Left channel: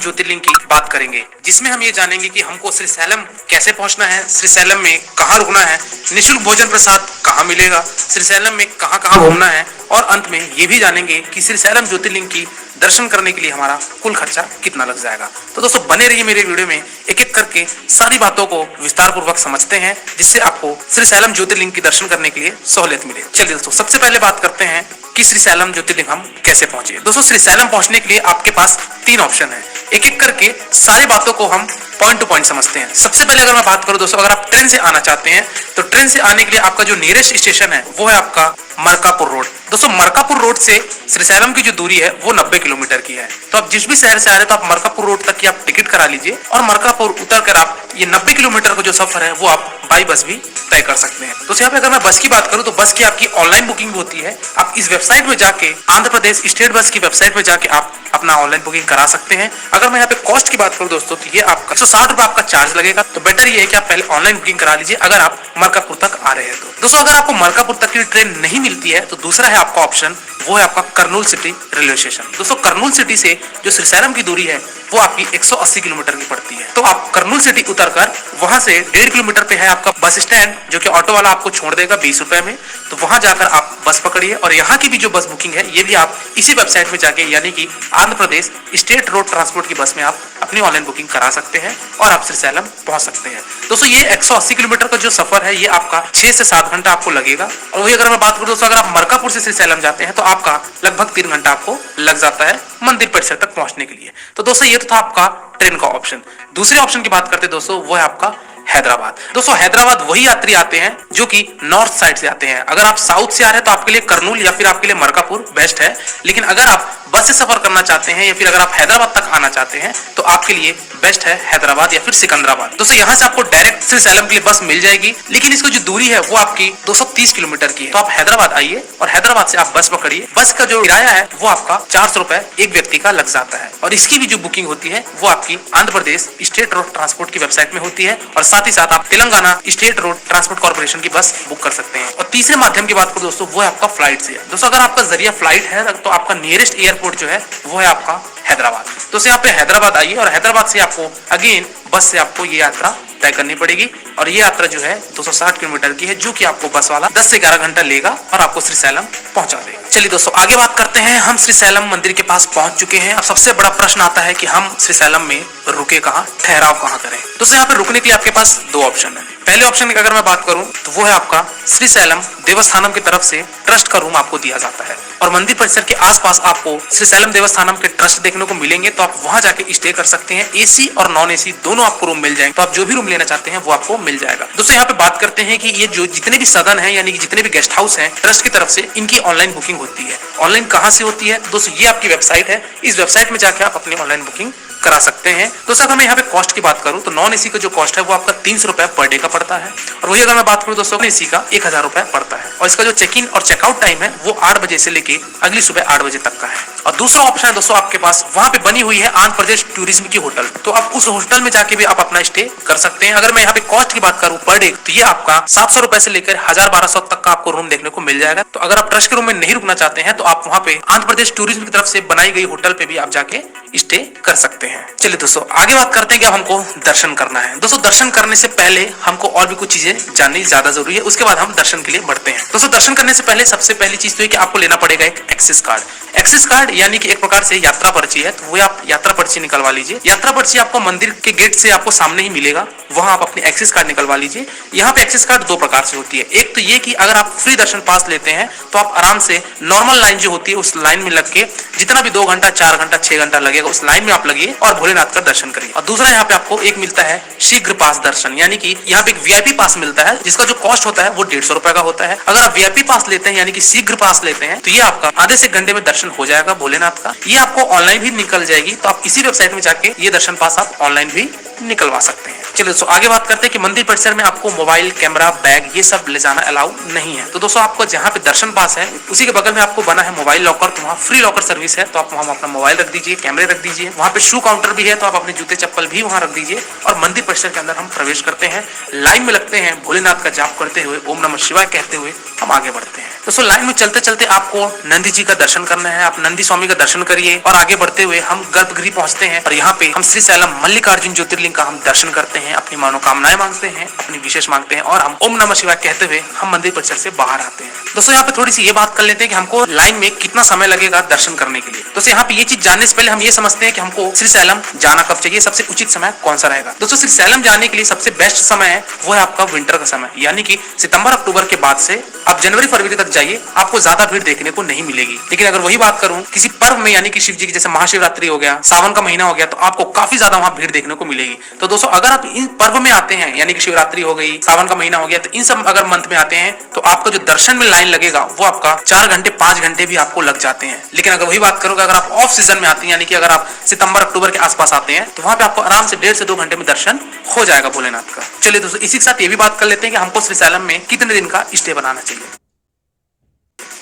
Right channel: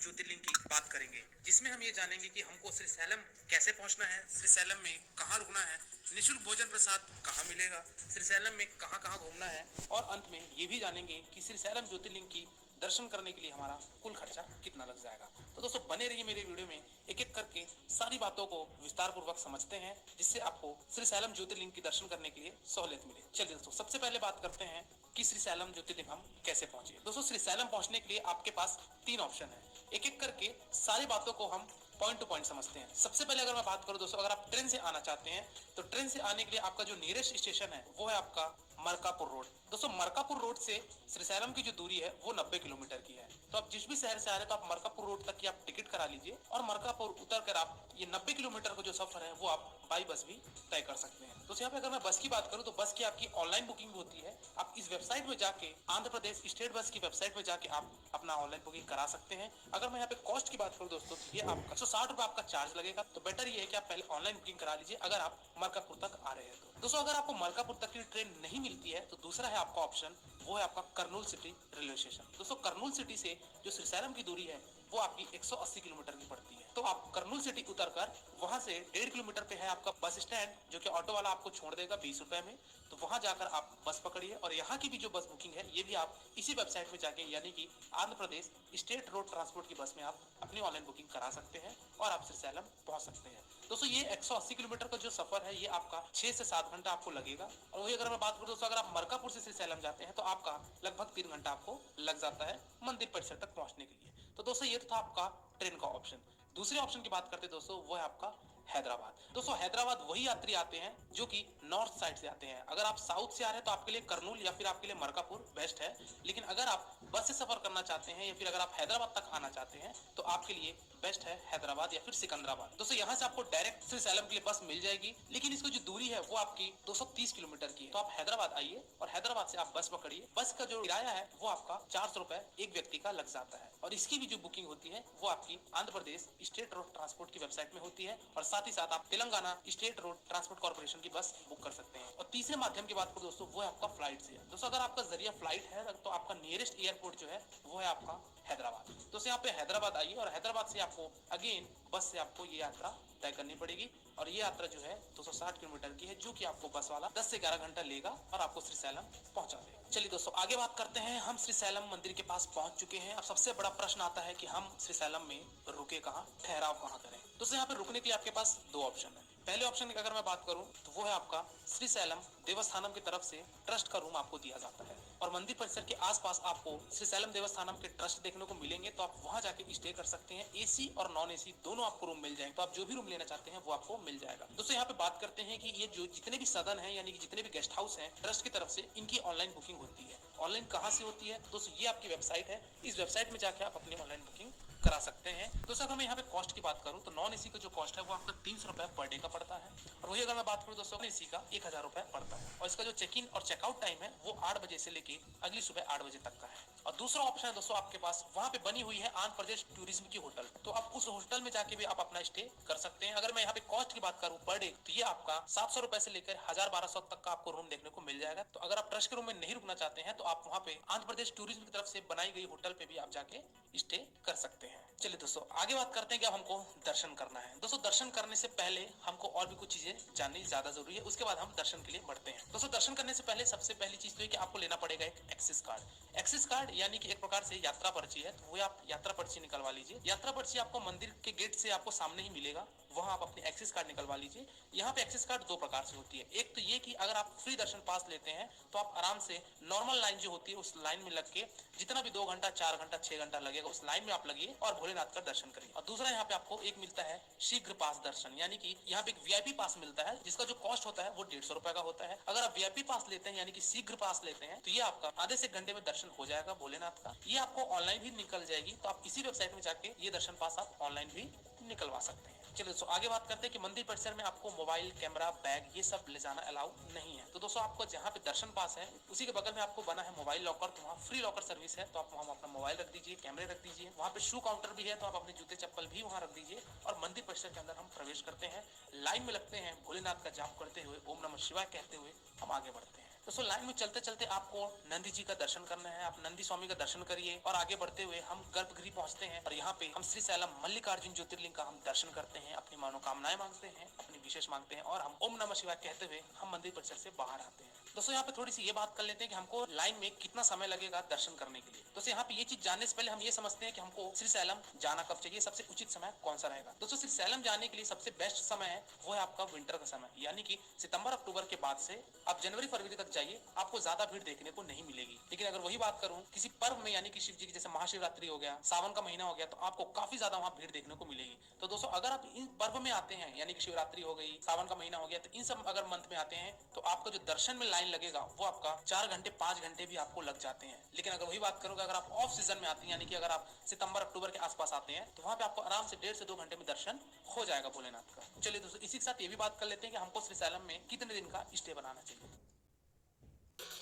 ज्योतिर्लिंग की बात करेंगे, जिसमें हम ये जानेंगे कि हमको श्रीशैलम कैसे पहुंचना है, श्रीशैलम में कहाँ रुकना है, निःशुल्क भोजन प्रसाद कहाँ मिलेगा, श्रीशैलम में कहाँ कहाँ घूमना है, और अंत में ये भी जानेंगे कि श्रीशैलम ज्योतिर्लिंग की दर्शन करने के लिए हमारा कुल खर्चा कितना लग जाएगा। तो दोस्तों बने रहिए मेरे वीडियो में, एक एक करके सारी बातों को विस्तार पूर्वक समझते हैं, जिससे आपको श्रीशैलम ज्योतिर्लिंग की दर्शन करने के लिए सहूलियत मिले। चलिए दोस्तों सबसे पहले बात करते हैं कि श्रीशैलम ज्योतिर्लिंग हम कैसे पहुंचे। दोस्तों श्रीशैलम पहुंचने के लिए आपके पास 3 ऑप्शन है, एक एक करके सारी बातों को हम पॉइंट टू पॉइंट समझते हैं। सबसे पहले अगर मैं बात करूं दोस्तों, अगर आप ट्रेन से आना चाहते हैं तो ट्रेन से आने के लिए आपका जो नियरेस्ट स्टेशन है वो है आपका मरकापुर रोड। दोस्तों मरकापुर रोड से श्रीशैलम की जो दूरी है वो 90 किलोमीटर की है। तो आप जिस भी शहर से आ रहे हैं तो आप मरकापुर रोड तक की आप टिकट करा लीजिए, और मरकापुर उतर कर आप ये 90 किलोमीटर का जो सफर है वो आप बाई बस भी तय कर सकते हैं। तो यहाँ पे अगर मैं बस की बात करूं तो बस की आपकी ऑनलाइन बुकिंग भी होती है। आप इस वेबसाइट में जाके, आंध्र प्रदेश स्टेट बस की वेबसाइट में जाके आप अपना ऑनलाइन बुकिंग करा सकते हैं। अगर मैं यहाँ पे कॉस्ट की बात करूं दोस्तों तो ये आपका 160 रुपए आपका चार्ज लगेगा। तो बेटर ये है कि आप पहले ऑनलाइन बुकिंग करा लीजिए अगर आप मरकापुर तक आ रहे हैं तो। दोस्तों अगर आपको मरकापुर तक की ट्रेन नहीं मिलती है तो दूसरा है आपका ऑप्शन, वो है आपका कर्नूल सिटी रेलवे स्टेशन। दोस्तों कर्नूल सिटी से जो श्रीशैलम की दूरी है वो आपकी 180 किलोमीटर की पड़ती है। तो आप कर्नूल सिटी उतरकर वहां से 1.5 किलोमीटर पे है आपका बस स्टैंड, जो कि ऑटो वाला आपको छोड़ देगा 20 रुपए में। तो वहां जाकर आप बस पकड़िए, और यहाँ की भी जो बस बुकिंग है ये भी आप इसी वेबसाइट में जाके, यानी कि Andhra Pradesh state road transport की बस में आप अपनी ऑनलाइन बुकिंग करा सकते हैं और आप श्रीशैलम पहुंच सकते हैं। दोस्तों ये 180 किलोमीटर का जो सफर है ये आपका 6 से 7 घंटा आपको लगेगा। और वही अगर मैं बात करूं दोस्तों, अगर आप मरकापुर से श्रीशैलम जाते हैं तो आपका लगभग 3 घंटा आपको लग जाता है मंदिर परिसर तक पहुंचने के लिए। तो दोस्तों ये तो था आपका ट्रेन का ऑप्शन। दूसरे ऑप्शन की बात करते हैं दोस्तों, वो है आपका हैदराबाद। दोस्तों हैदराबाद वही यात्री आते हैं जो कि नॉर्थ साइड से आते हैं। अगर आप साउथ से आ रहे हैं तो आपके लिए कर्नूल या फिर आपके लिए मरकापुर बेस्ट है, लेकिन अगर आप बस से सफर करना चाहते हैं या फिर अगर आप हैदराबाद तक आना चाहते हैं तो आपके लिए बेस्ट है हैदराबाद या फिर सिकंदराबाद। दोस्तों यहाँ से आपको डायरेक्ट श्रीशैलम के लिए बस मिल जाएगी, लेकिन इसकी जो दूरी है वो आपकी 230 किलोमीटर की है। तो आप हैदराबाद आइए और हैदराबाद से आप बस पकड़िए। बस का जो किराया है वो आपका 400 रुपए एक व्यक्ति का लग जाता है, और इसकी भी जो बुकिंग होती है वो आपकी Andhra Pradesh state road transport की वेबसाइट में होती है, और साथ ही साथ आप Telangana state road transport corporation की बस बुक कर सकते हैं। और तीसरे माध्यम की बात करूं दोस्तों, वो है आपका फ्लाइट से। दोस्तों अगर आपका जरिया फ्लाइट है तो आपका नियरेस्ट एयरपोर्ट जो है वो है आपका हैदराबाद। तो यहाँ पे हैदराबाद आइए, और हैदराबाद से आपको अगेन बस से आपको ये यात्रा तय करनी पड़ेगी, और ये यात्रा जो है 260 किलोमीटर की है, जो कि आपको बस वाला 10 से 11 घंटा लेगा और आपको श्रीशैलम पहुंचा देगा। चलिए दोस्तों आगे बात करते हैं। हम श्रीशैलम मंदिर के पास पहुंच चुके हैं। अब सबसे बड़ा प्रश्न आता है कि हम श्रीशैलम में रुके कहाँ, ठहराव कहाँ करें। दोस्तों यहाँ पे रुकने के लिए आपके पास 2 ऑप्शन है। पहले ऑप्शन की अगर मैं बात करूं तो वो है आपका श्रीशैलम देवस्थानम की तरफ से ट्रस्ट का रूम आपको दिया जाता है, और मंदिर परिसर के आसपास आपको श्रीशैलम देवस्थानम के ट्रस्ट देखने को मिलेंगे। तो आप वहां जाके स्टे कर सकते हैं। एसी और नॉन एसी दोनों आपको रूम मिल जाएंगे, तो आप जो भी रूम लेना चाहते हैं वो आपको मिल जाएगा। दोस्तों यहाँ पे बात करते हैं कि ये जो जितने भी सदन है, यानी कि जितने भी गेस्ट हाउस हैं ट्रस्ट की तरफ से, इनकी ऑनलाइन बुकिंग होती है। ऑनलाइन कहाँ से होती है दोस्तों, ये आपकी वेबसाइट है, इस वेबसाइट में जाके आप अपनी ऑनलाइन बुकिंग करा सकते हैं। दोस्तों अगर मैं यहाँ पे कॉस्ट की बात करूं तो नॉन एसी का जो कॉस्ट है वो आपका 300 रुपए पर डे का पड़ता है, और वही अगर मैं बात करूं दोस्तों एसी का 1000 रुपए पड़ता है। और इसका जो चेक इन और चेकआउट टाइम है वो 8 बजे से लेके अगली सुबह 8 बजे तक का है। और दूसरा ऑप्शन है दोस्तों आपके पास, वहां पे बनी हुई है आंध्र प्रदेश टूरिज्म की होटल, तो आप उस होटल में जाके भी आप अपना स्टे कर सकते हैं। अगर मैं यहाँ पे कॉस्ट की बात करूं पर डे तो ये आपका 700 रुपए से लेकर 1200 तक का आपको रूम देखने को मिल जाएगा। तो अगर आप ट्रस्ट के रूम में नहीं रुकना चाहते हैं तो आप वहाँ पे आंध्र प्रदेश टूरिज्म की तरफ से बनाई गई होटल पे भी आप जाके स्टे कर सकते हैं। चलिए दोस्तों आगे बात करते हैं कि अब हमको दर्शन करना है। दोस्तों दर्शन करने से पहले हमको और भी कुछ चीजें जाननी ज्यादा जरूरी है, उसके बाद हम दर्शन के लिए बढ़ते हैं। दोस्तों दर्शन करने से पहले सबसे पहली चीज तो है कि आपको लेना पड़ेगा एक एक्सेस कार्ड। एक्सेस कार्ड यानी कि एक प्रकार से यात्रा पर्ची है, तो वो आप यात्रा पर्ची निकलवा लीजिए। यात्रा पर्ची आपको मंदिर के गेट से आपको सामने ही मिलेगा, वहां आप अपनी एक्सेस कार्ड निकलवा लीजिए। यहाँ पे एक्सेस कार्ड 2 प्रकार से होती है। एक तो ये कि अगर आप फ्री दर्शन पास लेते हैं तो आप आराम से नॉर्मल लाइन जो होती है उस लाइन में लग के जितना भी 2 घंटा 4 घंटा 6 घंटा लगेगा उस लाइन में आप लगिए और भोलेनाथ का दर्शन करिए। और दूसरा यहाँ पे आपको एक मिलता है शीघ्र पास दर्शन, यानी कि यहाँ पे एक वीआईपी पास मिलता है जिसका जो कॉस्ट होता है वो 150 रुपए का होता है। अगर आप वीआईपी पास लेते हैं यानी कि शीघ्र पास लेते हैं तो ये आपका आधे से घंटे में दर्शन हो जाएगा भोलेनाथ का। ये आपको ऑनलाइन भी निकल जाएगी, तो आप इसी वेबसाइट में जाके ये दर्शन पास आप ऑनलाइन भी निकलवा सकते हैं। चलिए दोस्तों आगे बात करते हैं कि मंदिर परिसर में आपको मोबाइल, कैमरा, बैग ये सब ले जाना अलाउ नहीं है। तो दोस्तों आपको जहाँ पे दर्शन पास है उसी के बगल में आपको बना है मोबाइल लॉकर, तो वहाँ फ्री लॉकर सर्विस है, तो आप वहाँ अपना मोबाइल रख दीजिए, कैमरे रख दीजिए। वहाँ पे शू काउंटर भी है, तो आप अपने जूते चप्पल भी वहाँ रख दीजिए। और मंदिर परिसर के अंदर हम प्रवेश करते हैं। लाइन में लगते रखते हैं, भोलेनाथ का जाप करते हुए, ओम नमः शिवाय कहते हुए हम आगे बढ़ते हैं। दोस्तों लाइन में चलते चलते आपको नंदी जी का दर्शन करना है, आप नंदी स्वामी का दर्शन करिए और आगे बढ़ते हुए हम गर्भगृह पहुंचते हैं और यहाँ पे हम श्रीशैलम मल्लिकार्जुन ज्योतिर्लिंग का हम दर्शन करते हैं, अपनी मनोकामनाएं मांगते हैं, अपनी विशेष मांगते हैं और हम ओम नमः शिवाय कहते हुए हम मंदिर परिसर से बाहर आते हैं। दोस्तों यहाँ पे थोड़ी सी ये बात कर लेते हैं कि हमको लाइन में कितना समय लगेगा दर्शन करने के लिए। दोस्तों यहाँ पे ये चीज जानने से पहले हम ये समझते हैं कि हमको श्रीशैलम जाना कब चाहिए, सबसे उचित समय कौन सा रहेगा। दोस्तों श्रीशैलम जाने के लिए सबसे बेस्ट समय है वो है आपका विंटर का समय, यानी कि सितंबर अक्टूबर के बाद से आप जनवरी फरवरी तक जाइए, आपको ज्यादा भीड़ देखने को नहीं मिलेगी। लेकिन अगर वही बात करूं किसी पर्व में, यानी कि शिव जी की जैसे महाशिवरात्रि हो गया, सावन का महीना हो गया, तो आपको काफी ज्यादा वहां भीड़ देखने को मिलेगी। तो दोस्तों अगर आप इन पर्व में आते हैं, यानी कि शिवरात्रि हो गई, सावन का महीना हो गया, तो इन सब अगर मंथ में आते हैं तो आपका जो दर्शन में लाइन लगेगा वो आपका 4 घंटे 5 घंटे भी आपको लग जाते हैं। लेकिन अगर वही बात करोगे, अगर आप ऑफ सीजन में आते हैं, यानी कि अगर आप सितंबर अक्टूबर के आसपास आते हैं, तो वहां पे आपको आराम से 1.5 से 2 घंटे में दर्शन हो जाएगा भोलेनाथ का। चलिए दोस्तों इसी के साथ ये भी बात कर लेते हैं कि हमको श्रीशैलम में कितने दिन का स्टे बनाना चाहिए।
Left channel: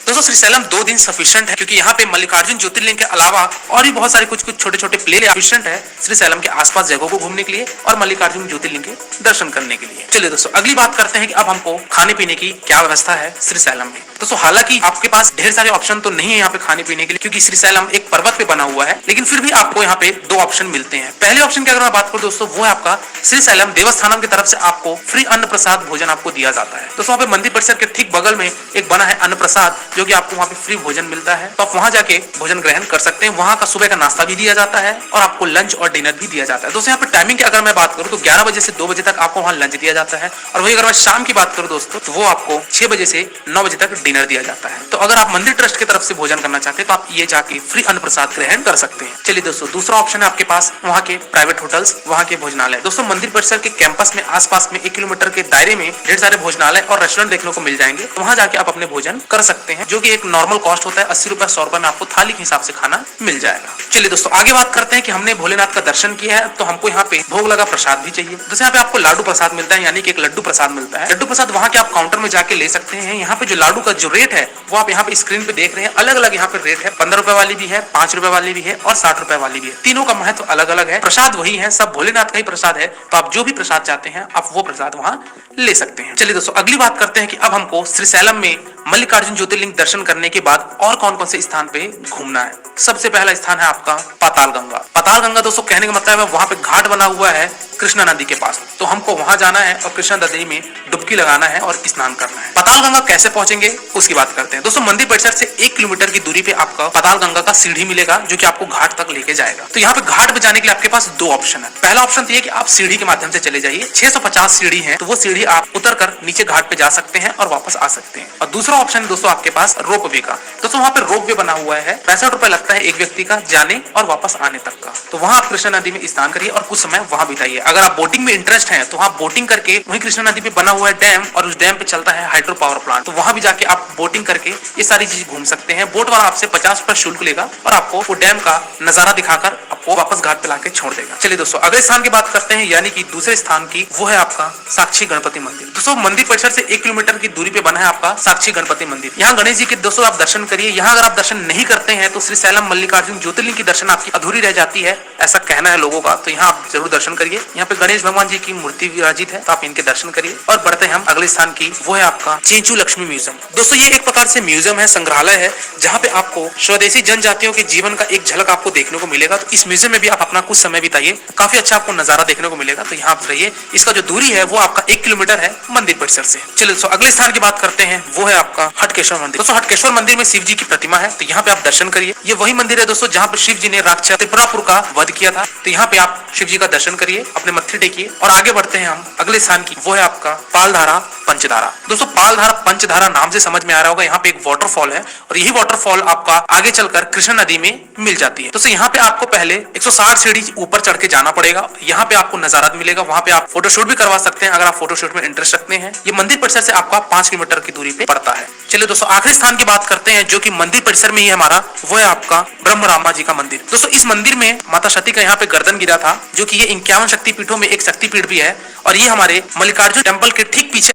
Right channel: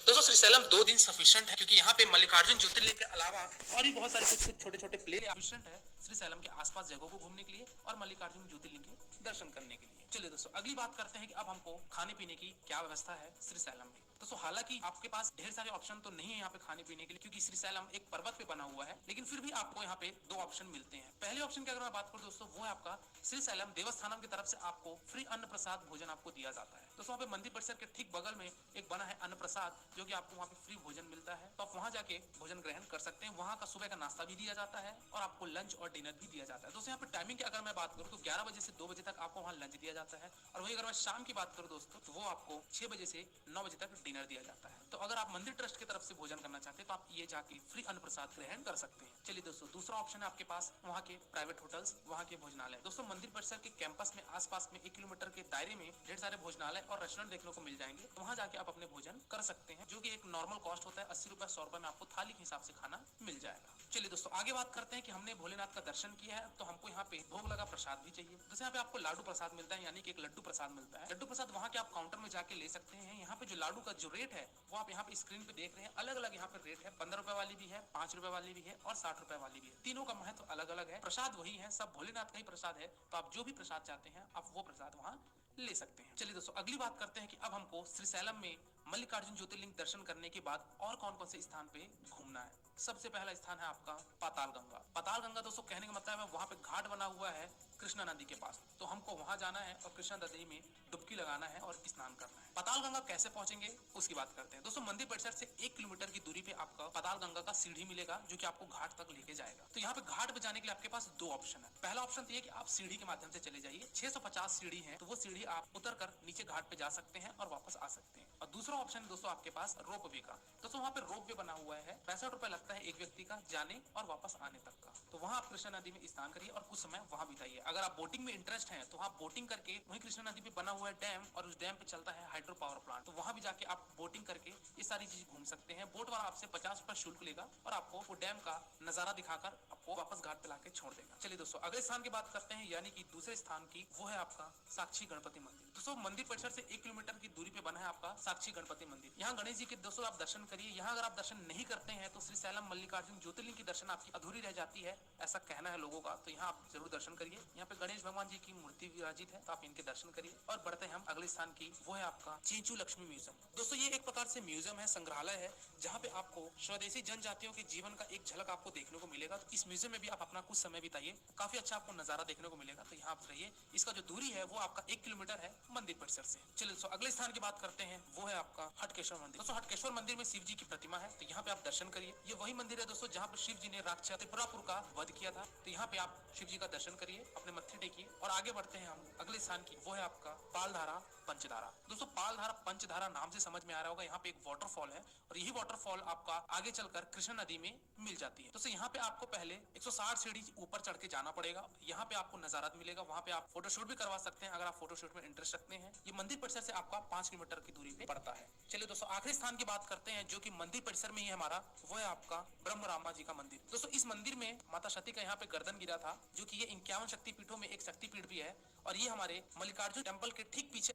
दोस्तों श्रीशैलम 2 दिन सफिशिएंट है, क्योंकि यहाँ पे मल्लिकार्जुन ज्योतिर्लिंग के अलावा और भी बहुत सारे कुछ छोटे छोटे प्ले सफिशिएंट है श्रीशैलम के आसपास जगहों को घूमने के लिए और मल्लिकार्जुन ज्योतिर्लिंग के दर्शन करने के लिए। चलिए दोस्तों अगली बात करते हैं कि अब हमको खाने पीने की क्या व्यवस्था है श्रीशैलम में। दोस्तों हालांकि आपके पास ढेर सारे ऑप्शन तो नहीं है यहाँ पे खाने पीने के लिए, क्योंकि श्रीशैलम एक पर्वत पे बना हुआ है, लेकिन फिर भी आपको यहाँ पे 2 ऑप्शन मिलते हैं। पहले ऑप्शन की अगर मैं बात करूँ दोस्तों, वो है आपका श्रीशैलम देवस्थानम की तरफ से आपको फ्री अन्न प्रसाद भोजन आपको दिया जाता है। दोस्तों वहाँ पे मंदिर परिसर के ठीक बगल में एक बना है अन्न प्रसाद, जो की आपको वहाँ पे फ्री भोजन मिलता है, तो आप वहां जाके भोजन ग्रहण कर सकते हैं। वहां का सुबह का नाश्ता भी दिया जाता है और आपको लंच और डिनर भी दिया जाता है। दोस्तों यहाँ पे टाइमिंग की अगर मैं बात करूं तो 11 बजे से 2 बजे तक आपको वहां लंच दिया जाता है, और वही अगर मैं शाम की बात करूं दोस्तों तो वो आपको 6 बजे से 9 बजे तक डिनर दिया जाता है। तो अगर आप मंदिर ट्रस्ट की तरफ से भोजन करना चाहते हैं तो आप ये जाके फ्री अन्न प्रसाद ग्रहण कर सकते हैं। चलिए दोस्तों दूसरा ऑप्शन है आपके पास वहाँ के प्राइवेट होटल्स, वहाँ के भोजनालय। दोस्तों मंदिर परिसर के कैंपस में आसपास में 1 किलोमीटर के दायरे में ढेर सारे भोजनालय और रेस्टोरेंट देखने को मिल जाएंगे, तो वहाँ जाके आप अपने भोजन कर सकते हैं, जो की एक नॉर्मल कॉस्ट होता है 80 रुपए 100 रुपए में आपको थाली के हिसाब से खाना मिल जाएगा। चलिए दोस्तों आगे बात करते हैं कि हमने भोलेनाथ का दर्शन किया है तो हमको यहाँ पे भोग लगा प्रसाद भी चाहिए। दोस्तों यहाँ पे आपको लाडू प्रसाद मिलता है, यानी कि एक लड्डू प्रसाद मिलता है। लड्डू प्रसाद वहाँ के आप काउंटर में जाके ले सकते हैं। यहाँ पे जो लाडू का जो रेट है वो आप यहाँ पे स्क्रीन पे देख रहे हैं, अलग अलग यहाँ पे रेट है। 15 रुपए वाली भी है, 5 रुपए वाली भी है और 60 रुपए वाली भी है। तीनों का महत्व अलग अलग है। प्रसाद वही है, सब भोलेनाथ का ही प्रसाद है, तो आप जो भी प्रसाद चाहते हैं आप वो प्रसाद वहाँ ले सकते हैं। चलिए दोस्तों अगली बात करते हैं कि अब हमको श्रीशैलम में मल्लिकार्जुन ज्योतिर्लिंग दर्शन करने के बाद और कौन कौन से स्थान पे घूमना है। सबसे पहला स्थान है आपका पाताल गंगा। पाताल गंगा दोस्तों कहने का मतलब है वहां पे घाट बना हुआ है कृष्णा नदी के पास, तो हमको वहां जाना है और कृष्णा नदी में डुबकी लगाना है और स्नान करना है। पाताल गंगा कैसे पहुंचेंगे उसकी बात करते हैं। दोस्तों मंदिर परिसर से 1 किलोमीटर की दूरी पे आपका पाताल गंगा का सीढ़ी मिलेगा, जो कि आपको घाट तक लेके जाएगा। तो यहाँ पे घाट पे जाने के लिए आपके पास 2 ऑप्शन है। पहला ऑप्शन ये कि आप सीढ़ी के माध्यम से चले जाइए, 650 सीढ़ी है, तो वो सीढ़ी आप उतर कर नीचे घाट पे जा सकते हैं और वापस आ सकते हैं। और दूसरा ऑप्शन दोस्तों आपके पास रोप वे का। दोस्तों वहाँ पे रोप वे बना हुआ है, 65 रुपए लगता है एक व्यक्ति का जाने और वापस आने तक का। तो वहाँ आप कृष्णा नदी में स्नान करिए और कुछ समय वहाँ बिताइए। अगर आप बोटिंग में इंटरेस्ट है तो आप बोटिंग करके वहीं कृष्णा नदी पे बना हुआ है डैम, और उस डैम पे चलता है हाइड्रो पावर प्लांट, तो वहां भी जाके आप बोटिंग करके ये सारी चीज घूम सकते हैं। बोट वाला आपसे 50 रुपए शुल्क लेगा और आपको वो डैम का नजारा दिखाकर आपको वापस घाट पे लाके छोड़ देगा। चलिए दोस्तों अगले स्थान की बात करते हैं, यानी कि दूसरे स्थान की, वो है आपका साक्षी गणपति मंदिर। दोस्तों मंदिर परिसर से 1 किलोमीटर की दूरी पे बना है आपका साक्षी गणपति मंदिर। यहाँ गणेश जी के दोस्तों आप दर्शन करिए। यहाँ अगर आप दर्शन नहीं करते हैं तो श्रीशैलम मल्लिकार्जुन ज्योतिर्लिंग की दर्शन आपकी अधूरी रह जाती है, ऐसा कहना है लोगों का। तो यहाँ आप जरूर दर्शन करिए। यहाँ पे गणेश भगवान जी की मूर्ति विराजित है, तो आप इनके दर्शन करिए। और बढ़ते हैं हम अगले स्थान की, वो है आपका चेंचू लक्ष्मी म्यूजियम। दोस्तों ये एक प्रकार से म्यूजियम है, संग्रहालय है, जहाँ पे आपको स्वदेशी जनजातियों के जीवन का एक झलक आपको देखने को मिलेगा। तो इस म्यूजियम में भी आप अपना कुछ समय बिताइए, काफी अच्छा आपको नजारा देखने को मिलेगा। तो यहाँ आप रहिए। इसका जो दूरी है वो आपका 1 किलोमीटर है मंदिर परिसर से। चलिए दोस्तों अगले स्थान की बात करते हैं, वो है आपका हटकेश्वर मंदिर। दोस्तों हटकेश्वर मंदिर में शिव जी की प्रतिमा है, तो यहाँ पे आप दर्शन करिए। ये वही मंदिर है दोस्तों जहाँ पे शिव जी ने राक्षस त्रिपुरापुर का वध किया था। तो यहाँ पे आप शिव जी का दर्शन करिए, अपने मत्थे टेकिए। और आगे बढ़ते हैं हम अगले स्थान की, वो है आपका पालधारा पंचधारा। दोस्तों पालधारा पंचधारा नाम से समझ में आ रहा होगा, यहाँ पे एक वाटरफॉल है और यही वाटरफॉल आपका आगे चलकर कृष्णा नदी में मिल जाती है। दोस्तों यहाँ पे आपको पहले 160 सीढ़ी ऊपर चढ़ के जाना पड़ेगा। यहाँ पे आपको नजारा मिलेगा, वहाँ पे आप फोटोशूट भी करवा सकते हैं अगर आप फोटोशूट में इंटरेस्ट रखते हैं। ये मंदिर परिसर से आपका 5 किलोमीटर की दूरी पे पड़ता है। चलिए दोस्तों आखिरी स्थान की बात करते हैं, जो कि मंदिर परिसर में ही हमारा, वो है आपका ब्रह्मरामा जी का मंदिर। दोस्तों इस मंदिर में माता सती का यहाँ पे गर्दन गिरा था, जो कि ये 51 शक्तिपीठों में एक शक्तिपीठ भी है। और ये हमारे मल्लिकार्जुन टेम्पल के ठीक पीछे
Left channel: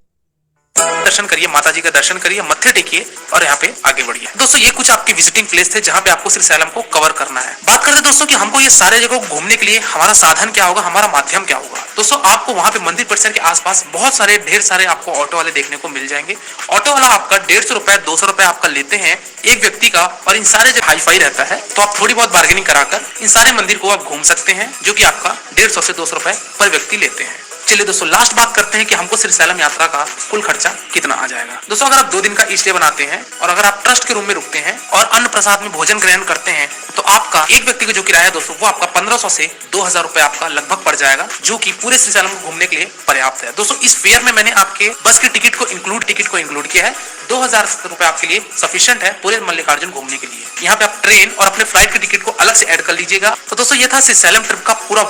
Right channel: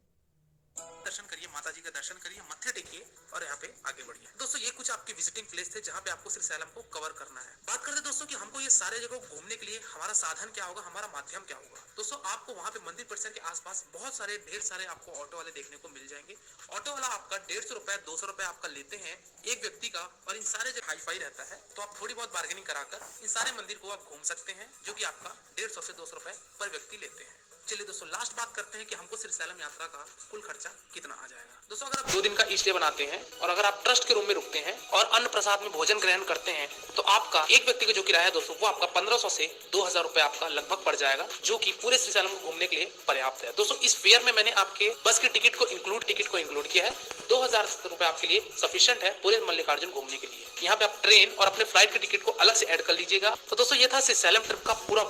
दर्शन करिए, माता जी का दर्शन करिए, मत्थे टेकिए और यहाँ पे आगे बढ़िए। दोस्तों ये कुछ आपके विजिटिंग प्लेस थे जहाँ पे आपको श्रीशैलम को कवर करना है। बात करते दोस्तों कि हमको ये सारे जगह घूमने के लिए हमारा साधन क्या होगा, हमारा माध्यम क्या होगा। दोस्तों आपको वहाँ पे मंदिर परिसर के आसपास बहुत सारे ढेर सारे आपको ऑटो वाले देखने को मिल जाएंगे। ऑटो वाला आपका 150 रुपए 200 रुपए आपका लेते हैं एक व्यक्ति का, और इन सारे जगह हाई फाई रहता है तो आप थोड़ी बहुत बार्गेनिंग कराकर इन सारे मंदिर को आप घूम सकते हैं, जो कि आपका 150 से 200 रुपए पर व्यक्ति लेते हैं। चलिए दोस्तों लास्ट बात करते हैं कि हमको श्रीशैलम यात्रा का कुल खर्चा कितना आ जाएगा। दोस्तों अगर आप 2 दिन का स्टे बनाते हैं और अगर आप ट्रस्ट के रूम में रुकते हैं और अन्न प्रसाद में भोजन ग्रहण करते हैं तो आपका एक व्यक्ति का जो किराया है दोस्तों वो आपका 1500 से 2000 रुपए आपका लगभग पड़ जाएगा, जो कि पूरे श्रीशैलम को घूमने के लिए पर्याप्त है। दोस्तों इस फेयर में मैंने आपके बस की टिकट को इंक्लूड किया है। 2000 रुपए आपके लिए सफिशिएंट है पूरे मल्लिकार्जुन घूमने के लिए। यहाँ पे आप ट्रेन और अपने फ्लाइट की टिकट को अलग से ऐड कर लीजिएगा। तो दोस्तों ये था श्रीशैलम ट्रिप का पूरा